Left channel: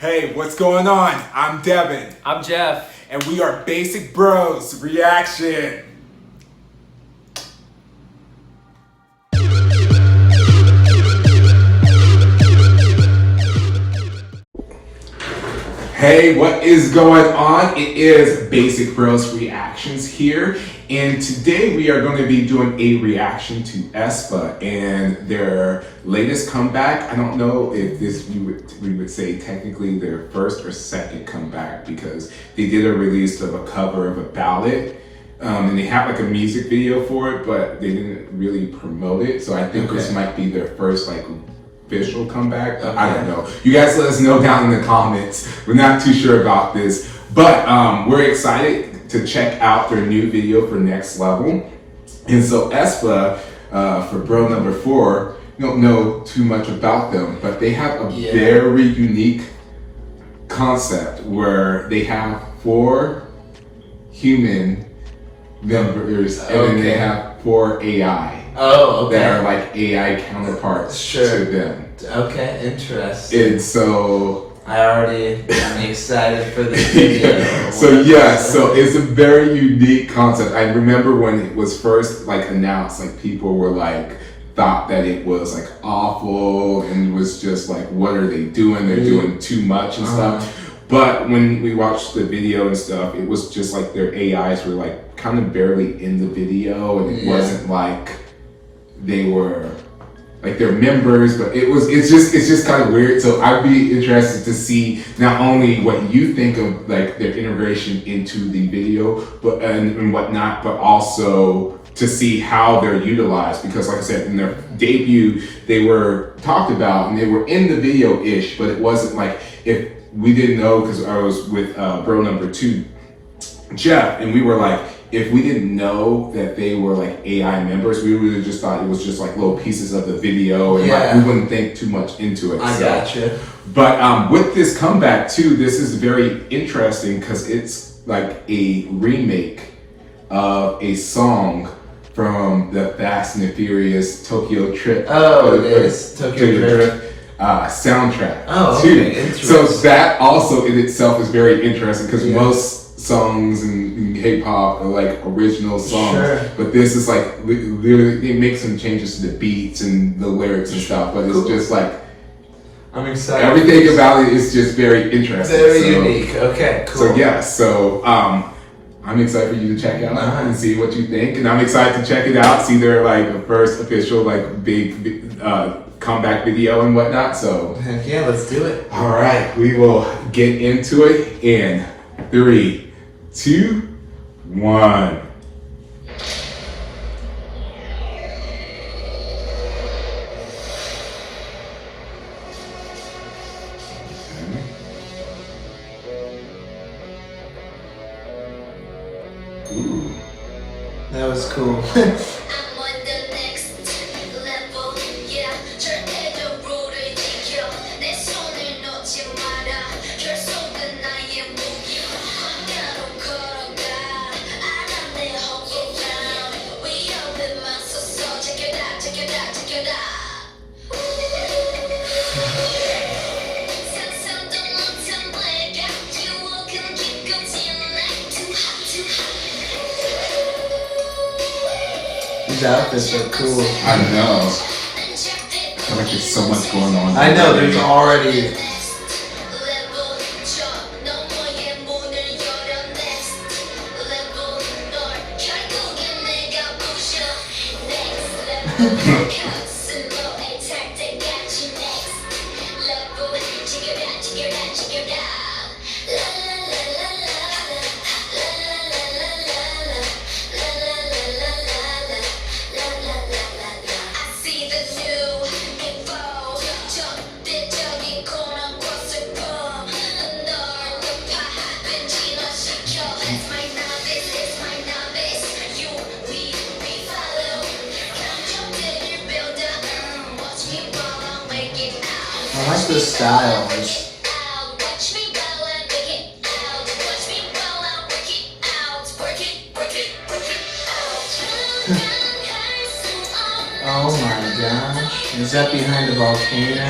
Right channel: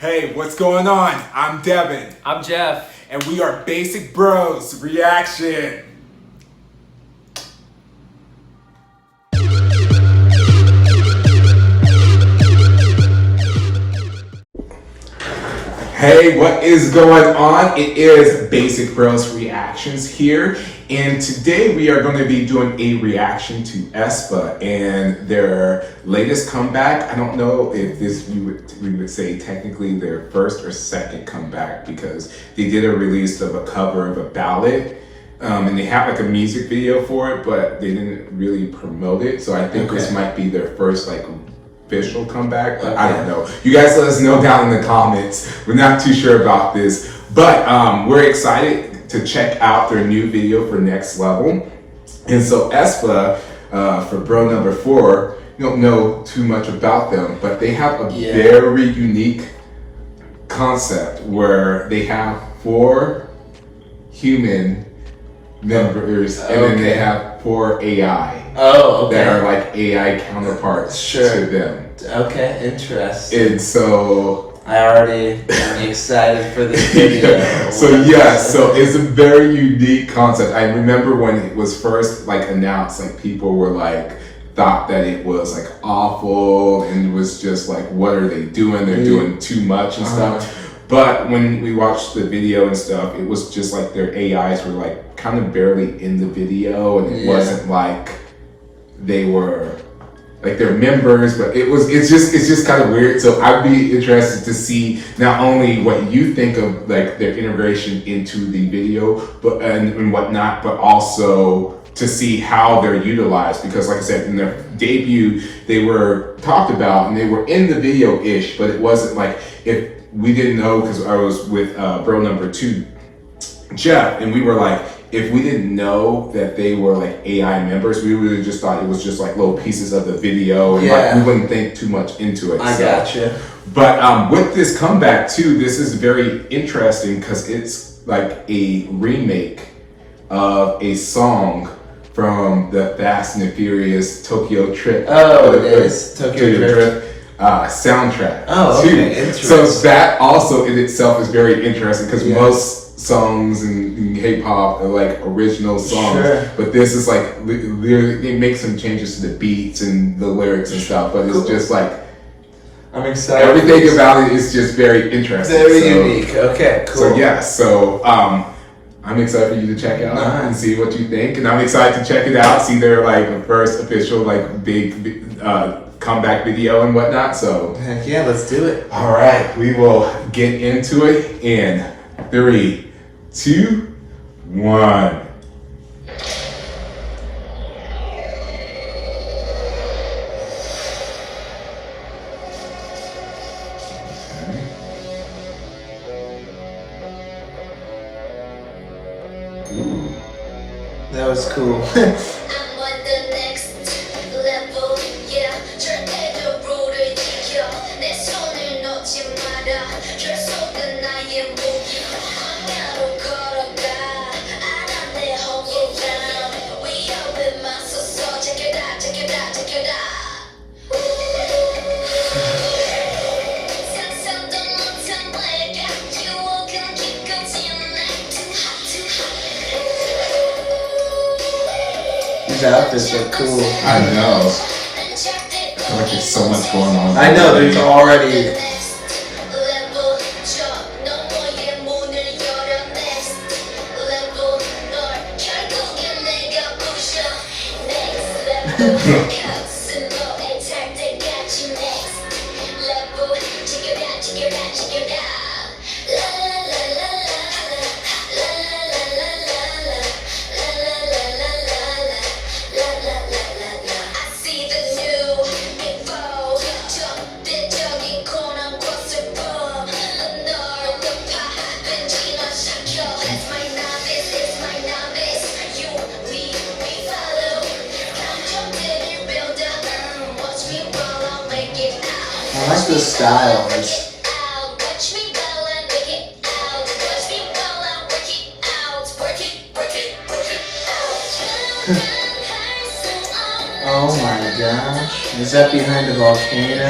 Hey, what's going on? I'm Devin. I'm Jeff. And we are Basic Bros Reaction. Hey, what is going on? It is Basic Bros Reactions here. And today we are going to be doing a reaction to Aespa and their latest comeback. I don't know if this we would say technically their first or second comeback, because they did a release of a cover of a ballad. And they have like a music video for it, but they didn't really promote it. So I think this might be their first like official comeback, but I don't know. You guys let us know down in the comments. We're not too sure about this, but we're excited to check out their new video for Next Level. And so Aespa, for bro number 4, you don't know too much about them, but they have a very unique concept where they have 4 human members and then they have 4 AI. Oh, okay. That are like AI counterparts to them. Okay, interesting. And so I already am excited for this video. So it's a very unique concept. I remember when it was first like announced, like people were like thought that it was like awful and was just like, what are they doing? They're doing too much and stuff. But when we watched the video and stuff, it was just like their AIs were like kind of barely in the video, and it wasn't like they were like their members, but it's just kind of weird. So I'd be interested to see not only what you think of like their integration into the video, but and whatnot, but also to see how they're utilized, because like I said, in their debut they were talked about and they were in the video-ish, but it wasn't like, if we didn't know, because I was with bro number 2, Jeff, and we were like, if we didn't know that they were like AI members, we would have just thought it was just like little pieces of the video, and like, we wouldn't think too much into it. I gotcha. But with this comeback too, this is very interesting because it's like a remake of a song from the Fast and the Furious Tokyo Trip. Oh, it is Tokyo Drift. Soundtrack. Oh, too. okay, interesting. So that also in itself is very interesting, because most songs in hip hop are like original songs, but this is like they make some changes to the beats and the lyrics and stuff, but it's just like, I'm excited. Everything about it is just very interesting. Very unique. Okay, cool. So I'm excited for you to check it out and see what you think, and I'm excited to check it out, see their like first official like big comeback video and whatnot. So heck yeah, let's do it. All right, we will get into it in 3, 2, 1. Ooh. That was cool. These outfits look cool. I know. I feel like there's so much going on. I know, there's already. I like the styles. Oh my gosh. Is that behind a volcano?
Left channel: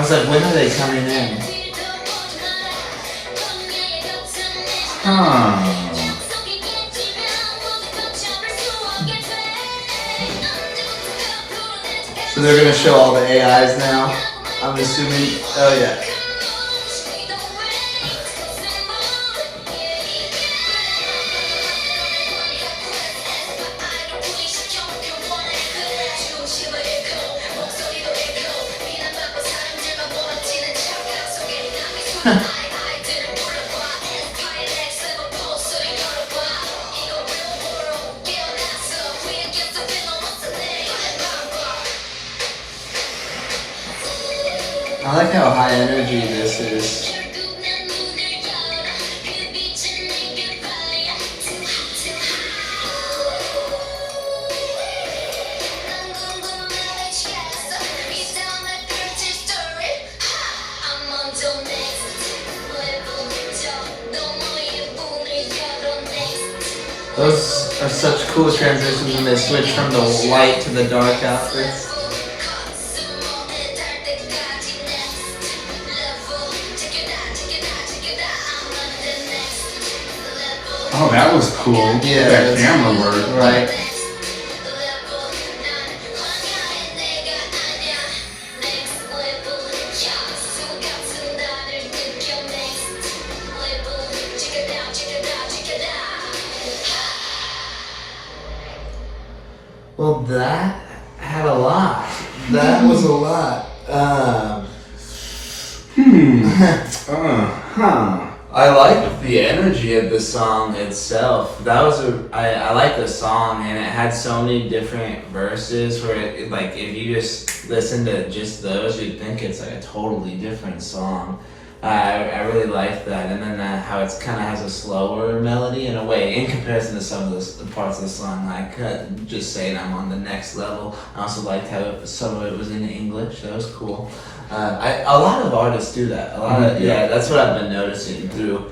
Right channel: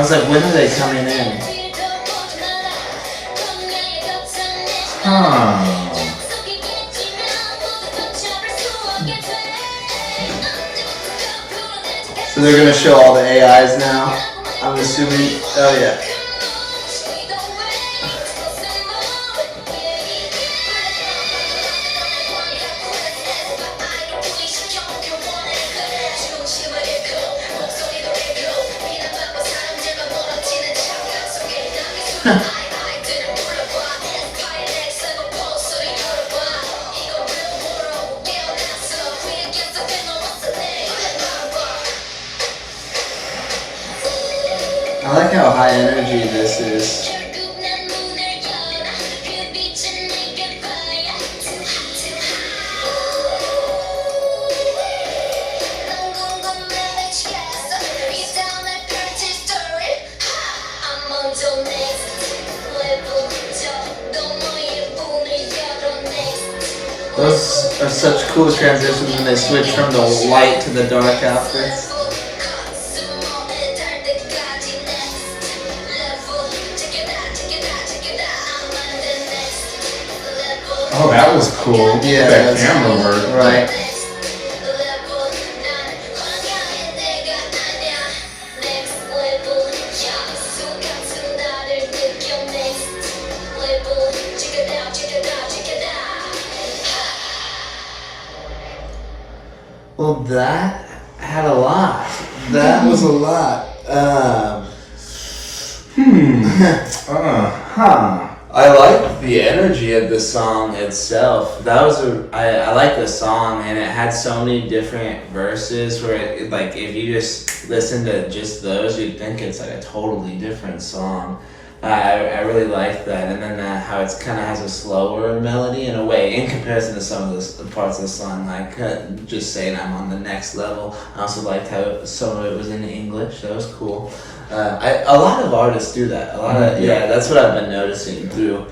was like, when are they coming in? Huh. So they're gonna show all the AIs now. I'm assuming. Oh yeah. I like how high energy this is. Those are such cool transitions when they switch from the light to the dark outfits. Oh, that was cool. Yeah, that camera work. Right. Well, that had a lot. That was a lot. I like the energy of the song itself. That was I like the song, and it had so many different verses where it, like if you just listen to just those, you'd think it's like a totally different song. I really like that, and then how it's kind of has a slower melody in a way in comparison to some of the parts of the song, like just saying I'm on the next level. I also liked how some of it was in English. That was cool. A lot of artists do that. That's what I've been noticing through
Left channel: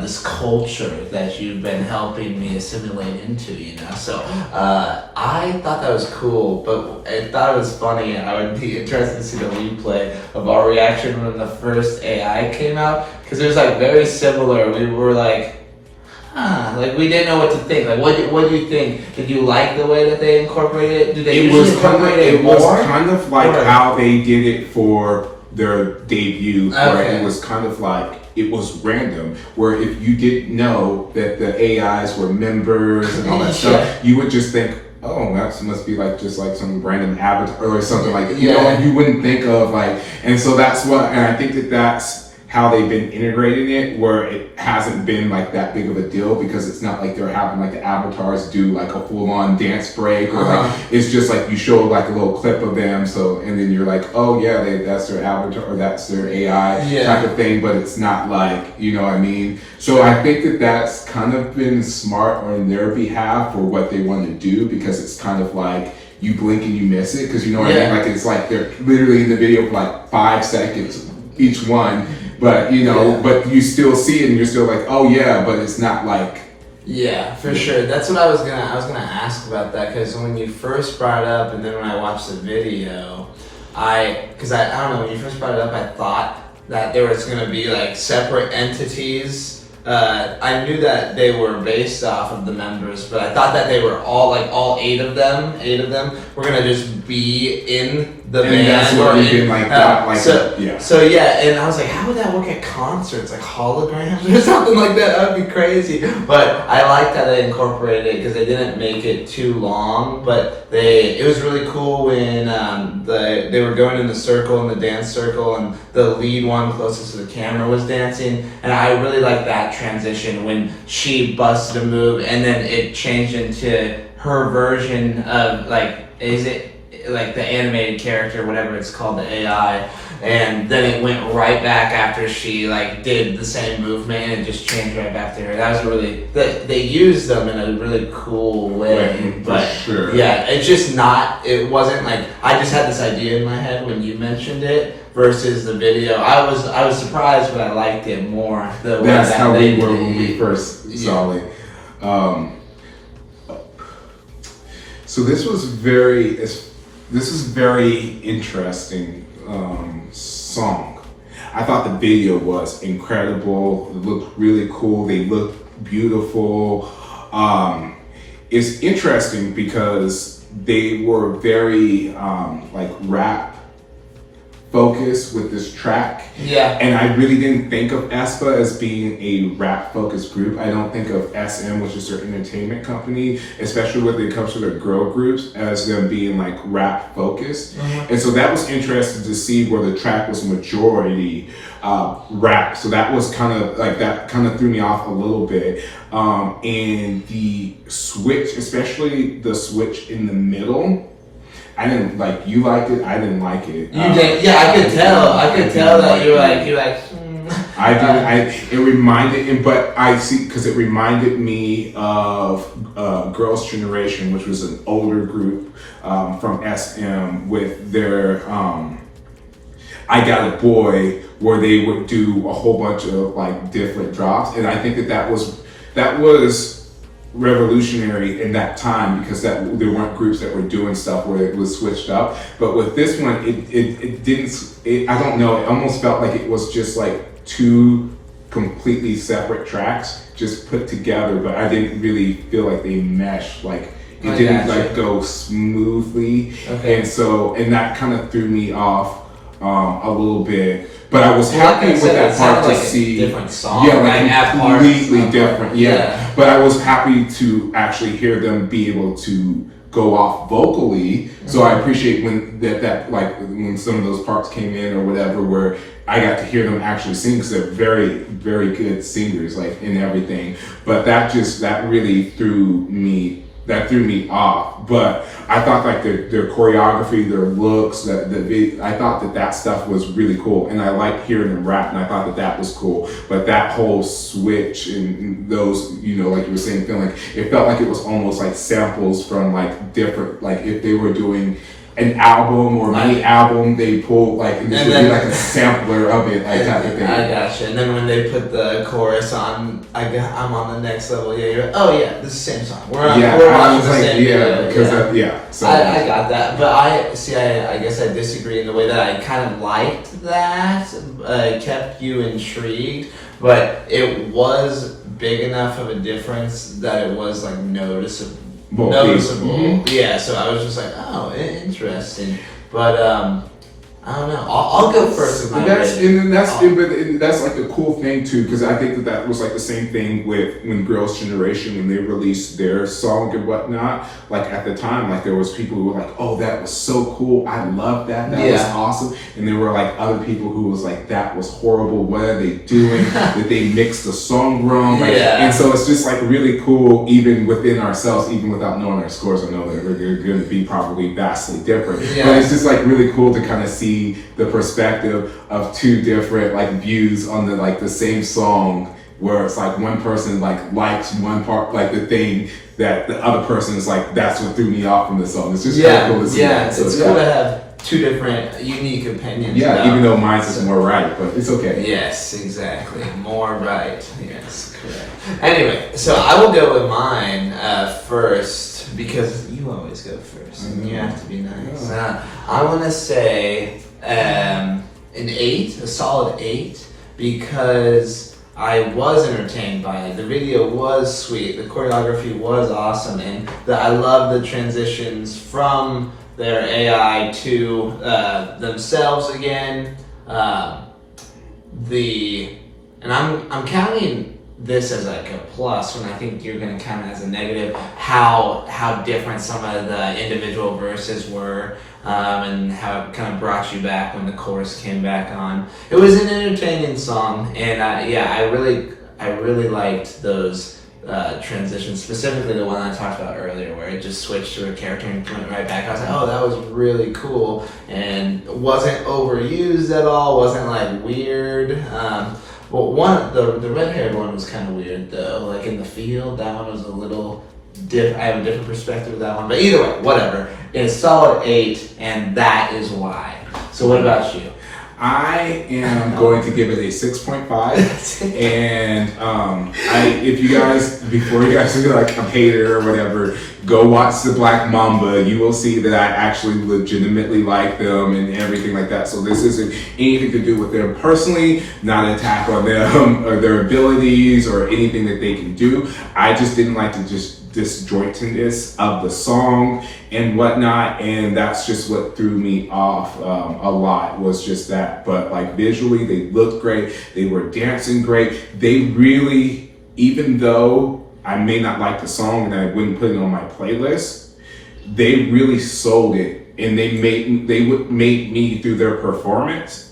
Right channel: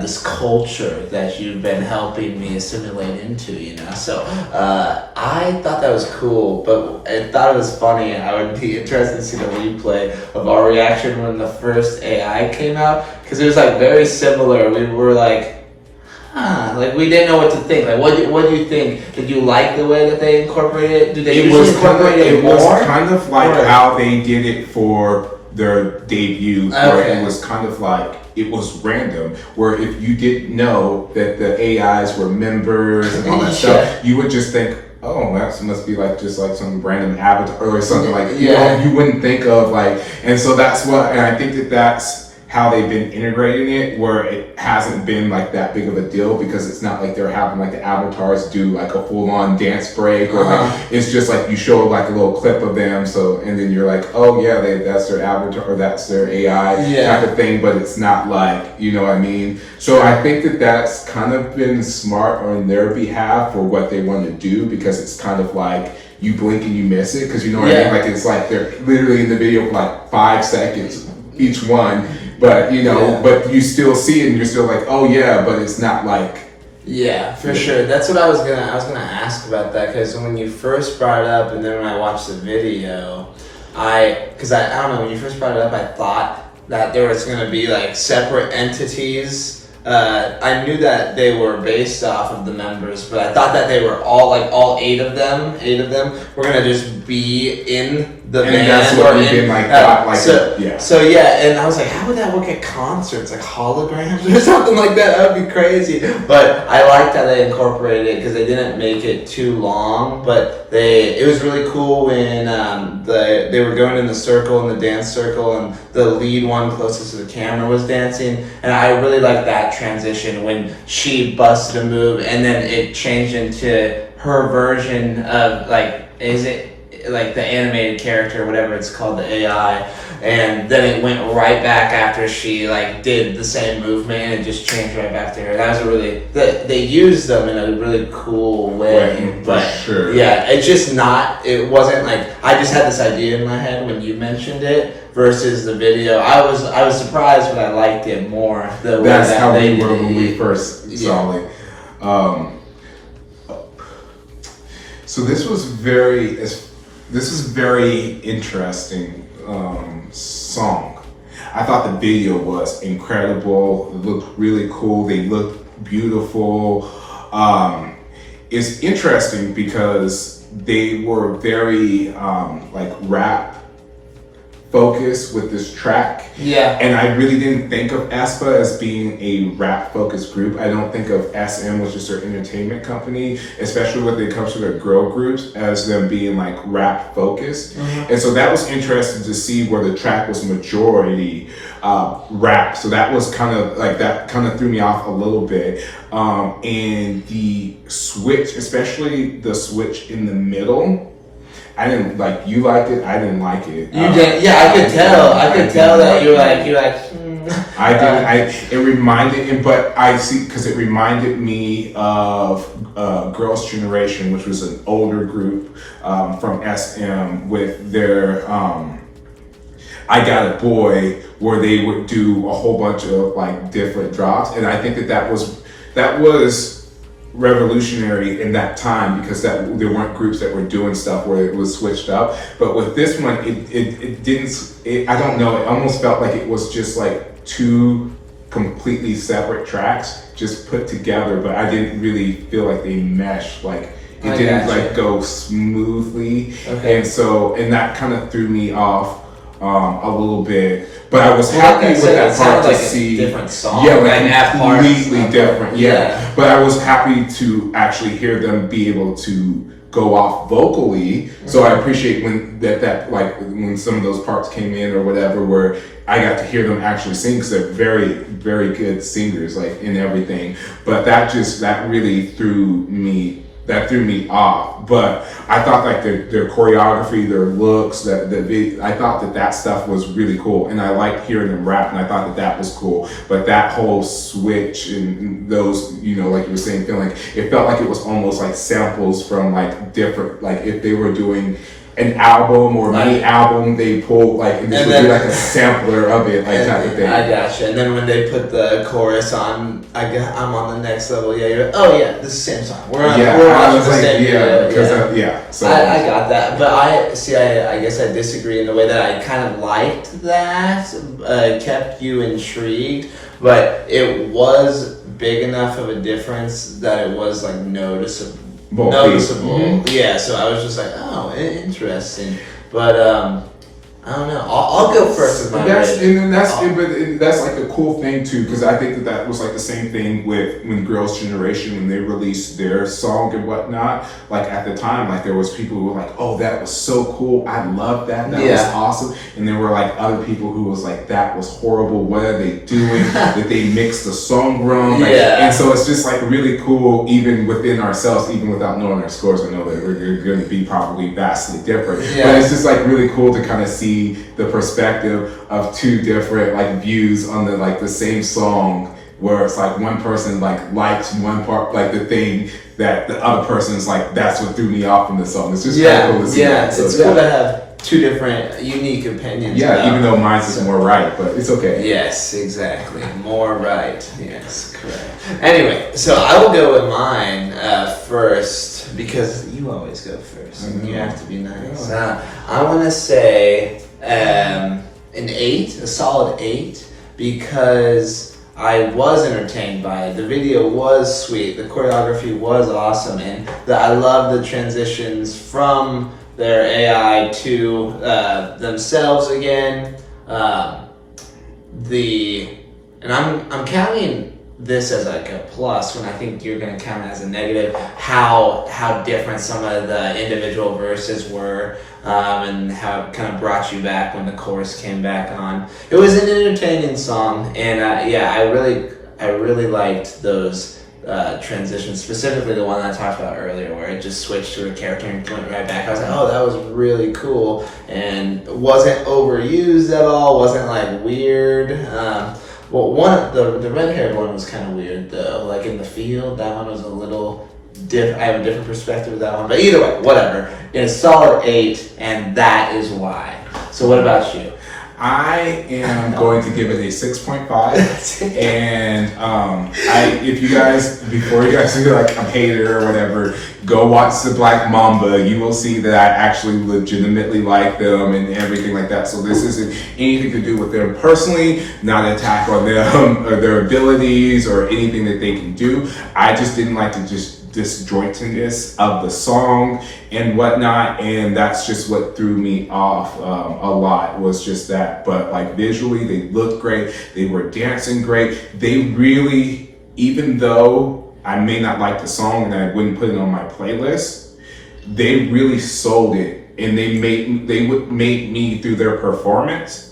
this culture that you've been helping me assimilate into, So I thought that was cool, but I thought it was funny. I would be interested to see the replay of our reaction when the first AI came out, because it was like very similar. We were like, like we didn't know what to think. Like, what do you think? Did you like the way that they incorporated it? Did they incorporate it more? It was kind of like how they did it for their debut, where it was kind of like, it was random, where if you didn't know that the AIs were members and all that stuff, you would just think, oh, that must be like just like some random avatar or something like, you wouldn't think of like, and so that's what, and I think that's how they've been integrating it, where it hasn't been like that big of a deal, because it's not like they're having like the avatars do like a full-on dance break, or like it's just like you show like a little clip of them, so, and then you're like, oh yeah, that's their avatar or that's their AI type of thing, but it's not like, you know what I mean? So I think that's kind of been smart on their behalf for what they want to do, because it's kind of like you blink and you miss it, because you know what I mean? Like it's like they're literally in the video for like 5 seconds each one, but but you still see it and you're still like, oh yeah, but it's not like. Yeah, for sure. That's what I was gonna ask about that, because when you first brought it up, and then when I watched the video, I don't know, when you first brought it up, I thought that there was gonna be like separate entities. I knew that they were based off of the members, but I thought that they were all 8 of them were gonna just be in the band. And that's what we've been like, So and I was like, how would that work at concerts, like holograms or something like that? That would be crazy. But I liked how they incorporated it, because they didn't make it too long, but it was really cool when they were going in the circle, in the dance circle, and the lead one closest to the camera was dancing, and I really liked that transition when she busted a move and then it changed into her version of like, is it like the animated character, whatever it's called, the AI, and then it went right back after she like did the same movement, and it just changed right back to her. That was they used them in a really cool way, but it's just it wasn't like, I just had this idea in my head when you mentioned it versus the video. I was surprised, but I liked it more. That's how we were when we first saw it. So this is very interesting. song. I thought the video was incredible. It looked really cool. They looked beautiful. It's interesting because they were very like rap focused with this track. Yeah. And I really didn't think of Aespa as being a rap focused group. I don't think of SM, which is their entertainment company, especially when it comes to their girl groups, as them being like rap focused. And so that was interesting to see where the track was majority rap. So that was kind of like, that kind of threw me off a little bit. And the switch, especially the switch in the middle, I didn't like. You liked it. I didn't like it. You did, yeah. I could tell. I could tell that you like. I didn't. It reminded, but I see because it reminded me of Girls' Generation, which was an older group from SM with their "I Got a Boy," where they would do a whole bunch of like different drops, and I think that was revolutionary in that time because there weren't groups that were doing stuff where it was switched up. But with this one, it didn't. I don't know. It almost felt like it was just like two completely separate tracks just put together. But I didn't really feel like they meshed. Like it didn't like go smoothly. Okay. And that kind of threw me off a little bit. But I was happy with that part to see. Different song. Yeah, like completely different. Yeah. But I was happy to actually hear them be able to go off vocally. So I appreciate when that like when some of those parts came in or whatever, where I got to hear them actually sing because they're very, very good singers, like in everything. But that really threw me off. But I thought like their choreography, their looks, I thought that stuff was really cool, and I liked hearing them rap, and I thought that was cool. But that whole switch and those, like you were saying, it felt like it was almost like samples from like different, like if they were doing an album or mini album, they pulled like, and this would be like a sampler of it, like type of thing. I gotcha. And then when they put the chorus on, I'm on the next level. Yeah, you're like, oh yeah, this is the same song. We're on the same video. So I got that, but I guess I disagree in the way that I kind of liked that, kept you intrigued, but it was big enough of a difference that it was like noticeable. Yeah, so I was just like, oh, interesting. But I don't know. I'll go first. That's like a cool thing too, because I think that was like the same thing with when Girls' Generation, when they released their song and whatnot. Like at the time, like there was people who were like, "Oh, that was so cool! I love that. That was awesome." And there were like other people who was like, "That was horrible. What are they doing? That they mixed the song wrong." And so it's just like really cool, even within ourselves, even without knowing our scores. I know that we're going to be probably vastly different, but it's just like really cool to kind of see the perspective of two different like views on the same song, where it's like one person like likes one part, like the thing that the other person is like, that's what threw me off from the song. It's just kind of cool to see that. So it's cool to have two different unique opinions. Even though mine's is more right, but it's okay. Yes, exactly. More right. Yes, correct. Anyway, so I will go with mine first, because you always go first and you have to be nice. I'm gonna say an 8, a solid 8, because I was entertained by it. The video was sweet, the choreography was awesome, and I love the transitions from their AI to themselves again. And I'm counting this as like a plus when I think you're going to count it as a negative, how different some of the individual verses were, and how it kind of brought you back when the chorus came back on. It was an entertaining song, and I really liked those transitions, specifically the one I talked about earlier, where it just switched to a character and went right back. I was like, oh, that was really cool, and wasn't overused at all, wasn't like weird. Well, the red-haired one was kind of weird though. Like in the field, that one was a little I have a different perspective of that one. But either way, whatever. It's a solid 8, and that is why. So what about you? I am going to give it a 6.5. And if you guys, before you guys feel like I'm hated or whatever, go watch the Black Mamba. You will see that I actually legitimately like them and everything like that. So this isn't anything to do with them personally, not an attack on them or their abilities or anything that they can do. I just didn't like to just disjointedness of the song and whatnot, and that's just what threw me off a lot, was just that. But like visually they looked great, they were dancing great, they really, even though I may not like the song and I wouldn't put it on my playlist, they really sold it, and they would make me through their performance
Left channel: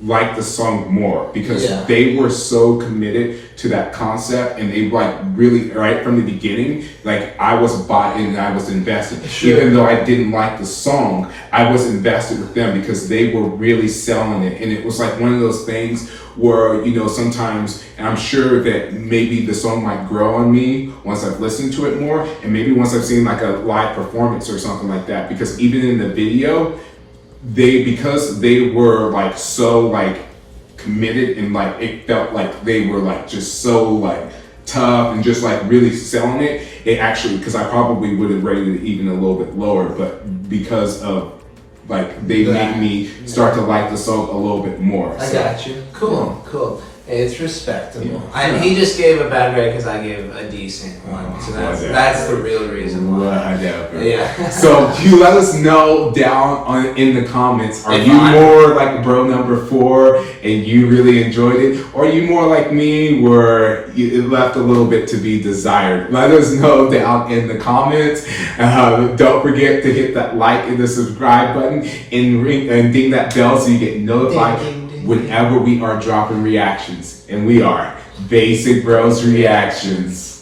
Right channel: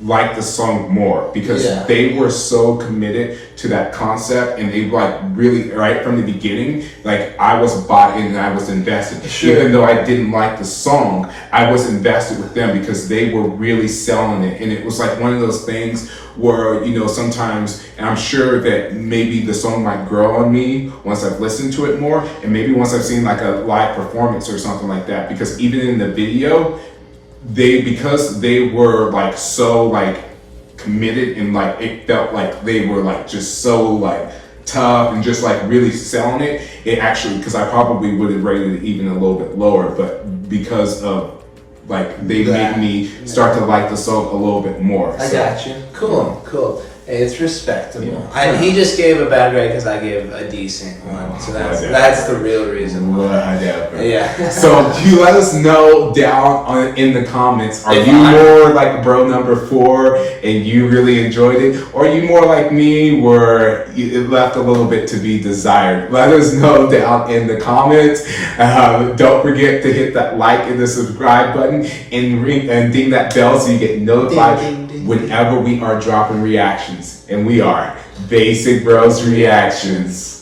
like the song more, because they were so committed to that concept, and they like really right from the beginning, like I was bought in and I was invested. Even though I didn't like the song, I was invested with them because they were really selling it. And it was like one of those things where, you know, sometimes, and I'm sure that maybe the song might grow on me once I've listened to it more, and maybe once I've seen like a live performance or something like that, because even in the video, because they were like so like committed, and like it felt like they were like just so like tough and just like really selling it. It actually, because I probably would have rated it even a little bit lower, but because of like they made me start to like the song a little bit more. I got you. Cool. It's respectable. And he just gave a bad grade because I gave a decent one. So that's the real reason why. Yeah. So you let us know down in the comments. Are you more like bro number 4 and you really enjoyed it? Or are you more like me where it left a little bit to be desired? Let us know down in the comments. Don't forget to hit that like and the subscribe button and ding that bell so you get notified whenever we are dropping reactions. And we are Basic Bros Reactions.